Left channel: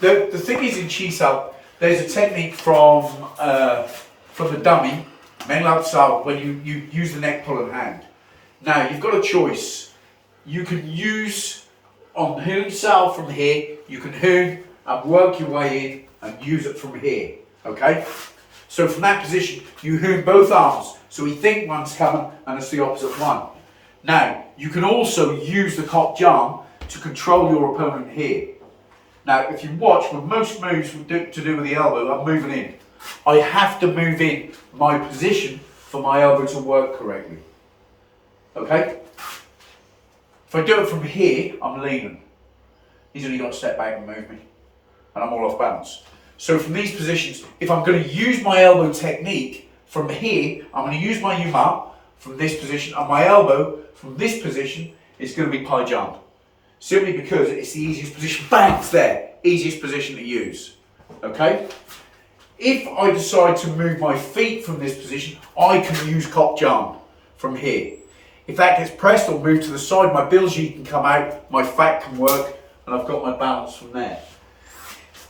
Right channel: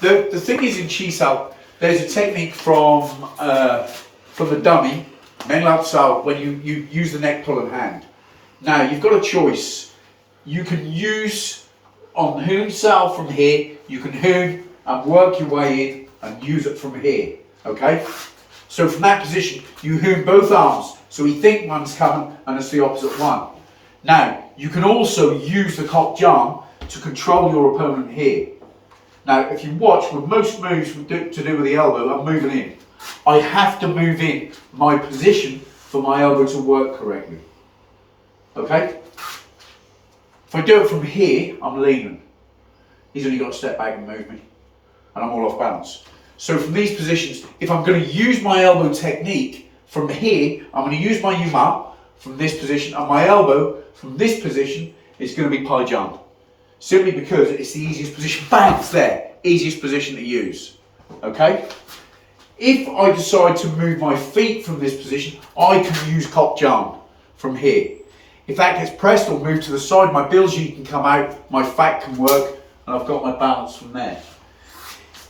The thing is in Chi-Sao, there's a technique from the dummy, Meng Lao Sao, when you use the neck pull and hand. Now, you've got a choice. You can use on Hoon Sao from here, you can Hoon and work your way in and use it from here, okay? So from that position, you Hoon both arms, so we think one's coming and it's the opposite one. Now, you can also use the Kok Jam to control your opponent here. Now, if you watch, with most moves to do with the elbow, I'm moving in. I have to move in my position for my elbow to work correctly. Okay? If I do it from here, I'm leaning. He's only got to step back and move me. And I'm all off balance. So from these positions, if I'm going to use my elbow technique from here, I'm going to use my Yuma from this position, and my elbow from this position is going to be Pai Jump. Simply because it's the easiest position. Bang, it's there. Easiest position to use. Okay? If I decide to move my feet from this position, I can use Kok Jam from here. If that gets pressed or moved to the side, my bilji can come out, my fat can work, and I've got my balance from there.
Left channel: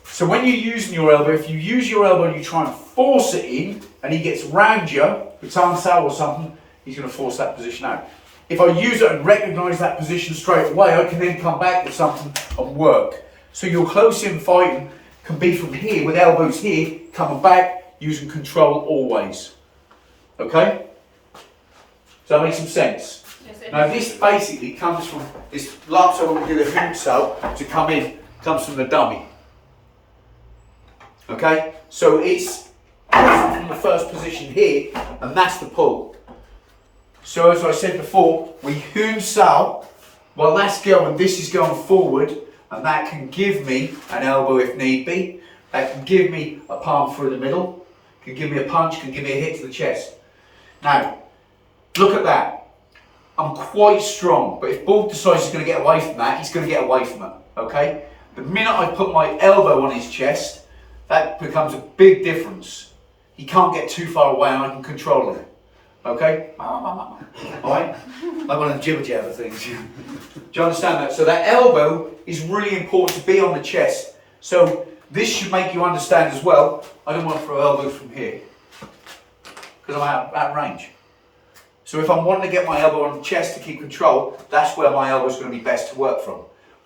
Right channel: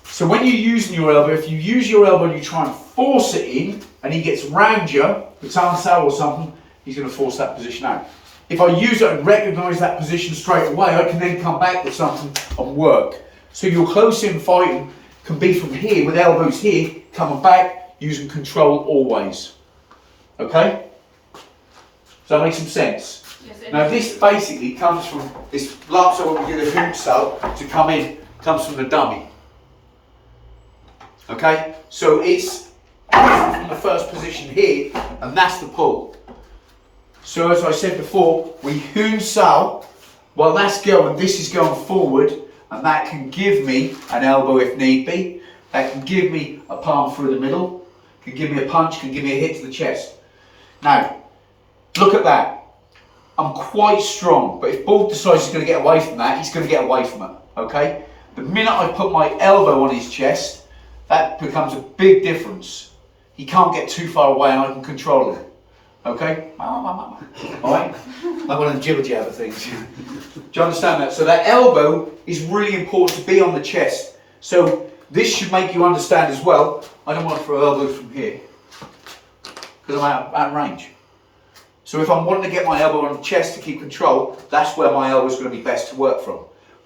So when you're using your elbow, if you use your elbow and you try and force it in, and he gets round you, with Tan Sao or something, he's going to force that position out. If I use it and recognise that position straight away, I can then come back with something and work. So your close-in fighting can be from here, with elbows here, coming back, using control always. Okay? Does that make some sense? Yes, Now this basically comes from, this lapso when we do the hoop cell to come in, comes from the dummy. Okay? So it's from the first position here, and that's the pull. So as I said before, we Hoon Sao, while that's going, this is going forward, and that can give me an elbow if need be. That can give me a palm through the middle, can give me a punch, can give me a hit to the chest. Now, look at that. I'm quite strong, but if Borg decides he's going to get away from that, he's going to get away from it, okay? The minute I put my elbow on his chest, that becomes a big difference. He can't get too far away and I can control him. Okay? Alright? Like one of the jibber jabber things. Do you understand that? So that elbow is really important to be on the chest. So this should make you understand as well, I don't want to throw elbows from here, because I'm out of range. So if I'm wanting to get my elbow on the chest to keep control, that's where my elbow is going to be best to work from.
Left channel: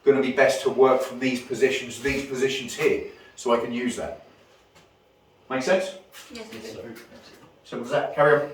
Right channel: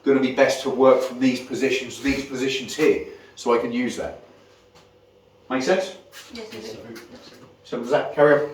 Going to be best to work from these positions here, so I can use that. Make sense? Yes, it is. So does that carry on?